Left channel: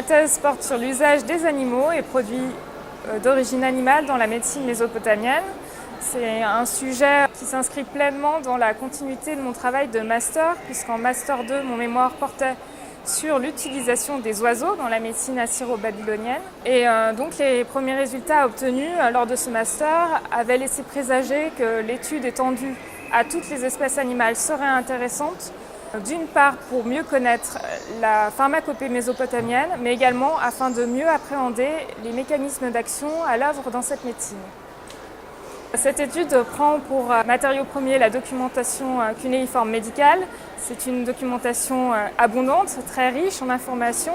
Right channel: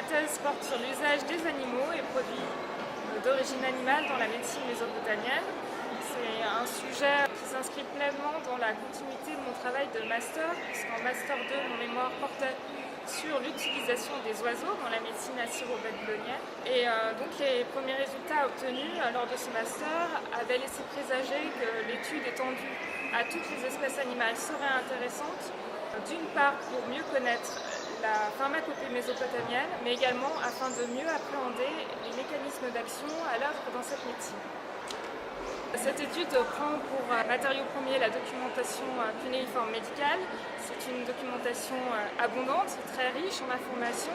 Ma thèse porte sur l'usage des animaux et produits d'origine animale dans la médecine mésopotamienne. C'est un sujet qui s'inscrit pleinement dans la continuité de mon travail de master, puisqu'en master 2, mon mémoire portait sur l'utilisation des oiseaux dans la médecine assyro-babylonienne. Et donc les premiers résultats obtenus lors de ce master avaient laissé présager que l'étude étendue à toutes les espèces animales serait intéressante, d'une part pour mieux connaître la pharmacopée mésopotamienne, mais également afin de mieux appréhender les mécanismes d'action à l'œuvre dans cette médecine. Cette étude prend pour matériau premier la documentation cunéiforme médicale. C'est une documentation abondante, très riche en informations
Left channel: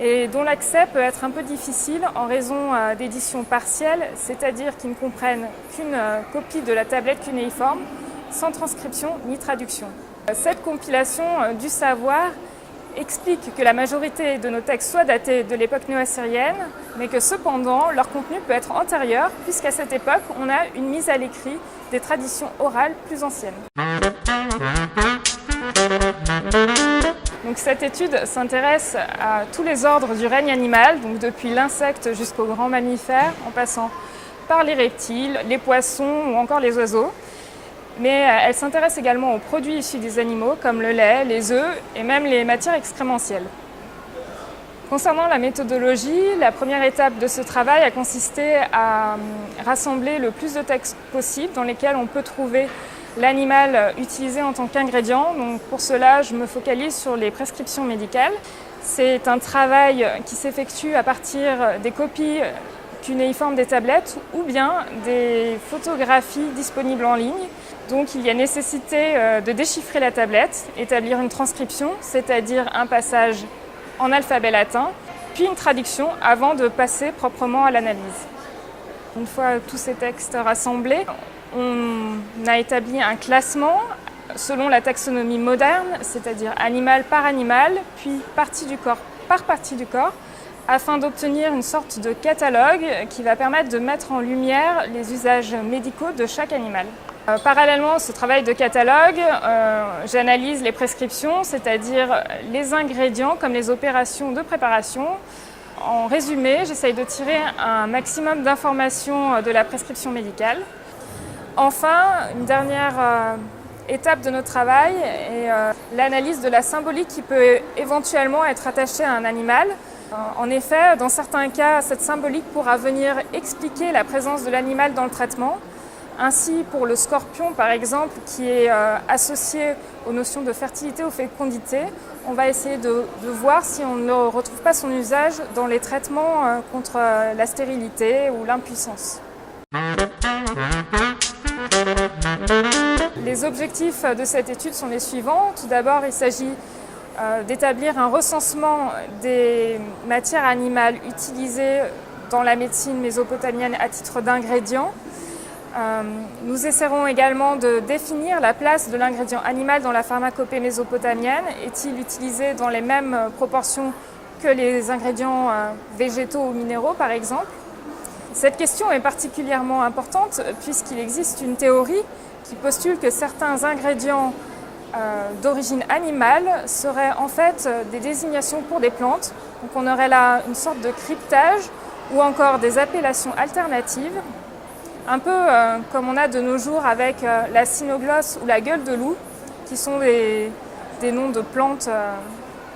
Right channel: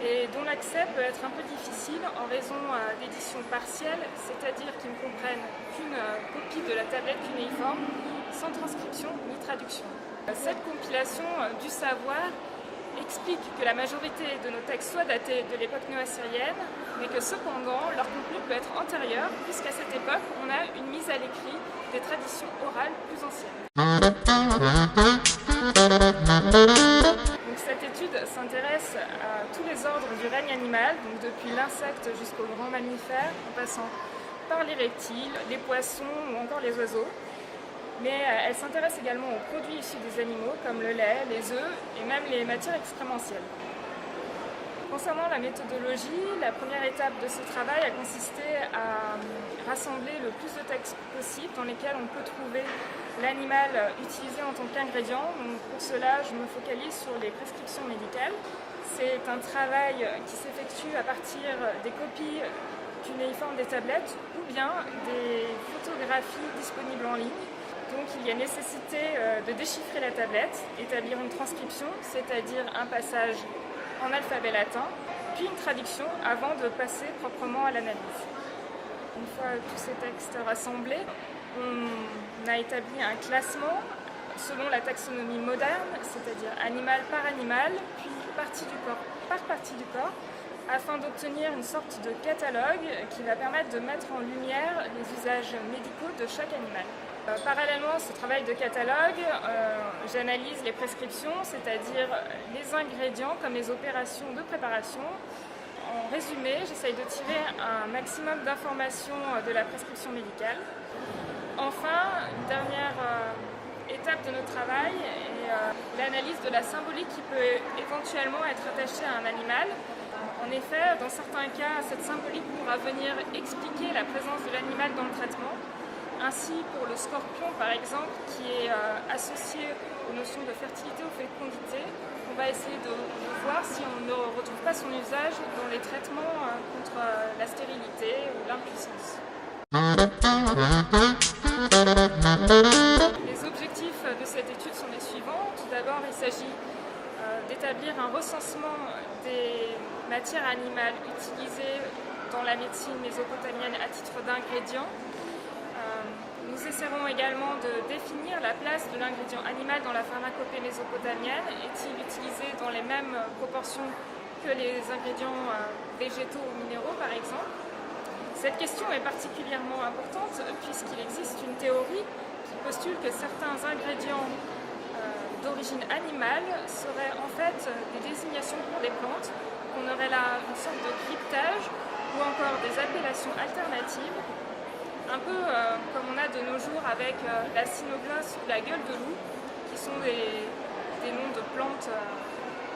et dont l'accès peut être un peu difficile en raison d'éditions partielles, c'est-à-dire qui ne comprennent qu'une copie de la tablette cunéiforme sans transcription ni traduction. Cette compilation du savoir explique que la majorité de nos textes soient datés de l'époque néo-assyrienne, mais que cependant leur contenu peut être antérieur, puisqu'à cette époque on a une mise à l'écrit des traditions orales plus anciennes. Donc, cette étude s'intéresse à tous les ordres du règne animal, donc depuis l'insecte jusqu'aux grands mammifères, en passant par les reptiles, les poissons ou encore les oiseaux. Mais elle s'intéresse également aux produits issus des animaux, comme le lait, les œufs et même les matières excrémentielles. Concernant la méthodologie, la première étape de ce travail a consisté à rassembler le plus de textes possible dans lesquels on peut trouver l'animal utilisé en tant qu'ingrédient. Donc pour cela, je me focalise sur les prescriptions médicales. C'est un travail qui s'effectue à partir des copies cunéiformes des tablettes ou bien des photographies disponibles en ligne. Donc il y a nécessité de déchiffrer la tablette, établir une transcription, c'est-à-dire un passage en alphabet latin, puis une traduction avant de passer proprement à l'analyse. Une fois tous ces textes rassemblés, on a établi un classement selon la taxonomie moderne, c'est-à-dire animal par animal, puis partie du corps par partie du corps, afin d'obtenir une sorte de catalogue qui va permettre de mettre en lumière les usages médicaux de chaque animal. Parallèlement à ce travail de catalogue, j'analyse les prescriptions, c'est-à-dire les ingrédients comme les opérations de préparation. En résumé, j'essaye de tirer un maximum d'informations de la prescription médicale. Enfin, une dernière étape de notre travail est l'analyse de la symbolique qui peut éventuellement être attachée à un animal. En effet, dans certains cas, cette symbolique pourra venir expliquer la présence de l'animal dans le traitement. Ainsi, pour le scorpion, par exemple, qui est associé aux notions de fertilité ou fécondité, on va essayer de voir si on ne retrouve pas son usage dans les traitements contre la stérilité ou l'impuissance. Les objectifs de cette étude sont les suivants. Tout d'abord, il s'agit d'établir un recensement des matières animales utilisées dans la médecine mésopotamienne à titre d'ingrédients. Nous essaierons également de définir la place de l'ingrédient animal dans la pharmacopée mésopotamienne. Est-il utilisé dans les mêmes proportions que les ingrédients végétaux ou minéraux, par exemple? Cette question est particulièrement importante puisqu'il existe une théorie qui postule que certains ingrédients d'origine animale seraient en fait des désignations pour des plantes. Donc on aurait là une sorte de cryptage ou encore des appellations alternatives, un peu comme on a de nos jours avec la cynoglosse ou la gueule de loup, qui sont des noms de plantes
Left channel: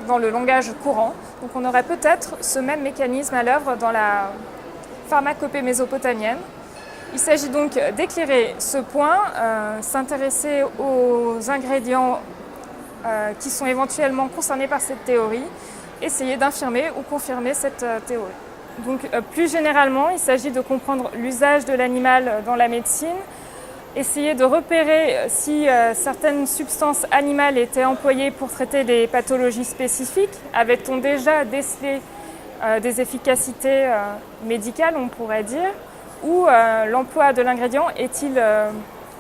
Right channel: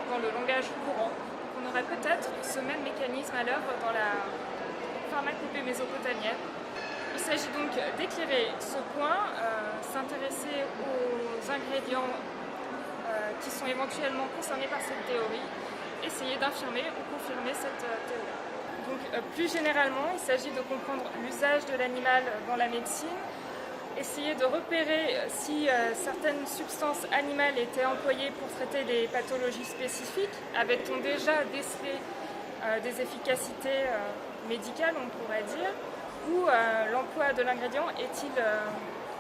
dans le langage courant. Donc on aurait peut-être ce même mécanisme à l'œuvre dans la pharmacopée mésopotamienne. Il s'agit donc d'éclairer ce point, s'intéresser aux ingrédients qui sont éventuellement concernés par cette théorie, essayer d'infirmer ou confirmer cette théorie. Donc, plus généralement, il s'agit de comprendre l'usage de l'animal dans la médecine, essayer de repérer si certaines substances animales étaient employées pour traiter des pathologies spécifiques. Avait-on déjà décelé des efficacités médicales, on pourrait dire, ou l'emploi de l'ingrédient est-il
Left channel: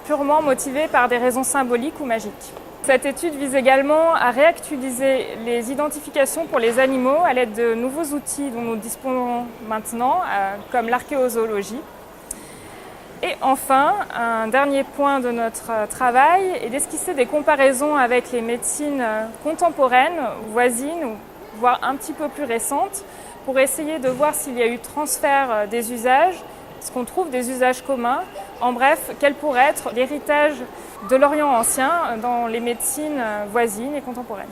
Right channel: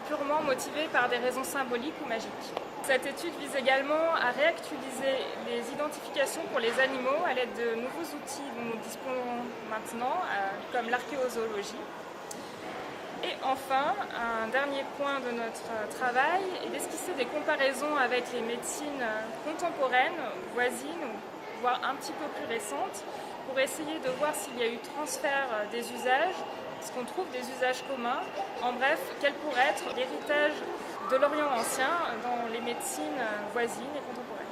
purement motivé par des raisons symboliques ou magiques? Cette étude vise également à réactualiser les identifications pour les animaux à l'aide de nouveaux outils dont nous disposons maintenant, comme l'archéozoologie. Et enfin, un dernier point de notre travail est d'esquisser des comparaisons avec les médecines contemporaines, voisines ou voire un petit peu plus récentes, pour essayer de voir s'il y a eu transfert des usages, est-ce qu'on trouve des usages communs, en bref, quel pourrait être l'héritage de l'Orient ancien dans les médecines voisines et contemporaines.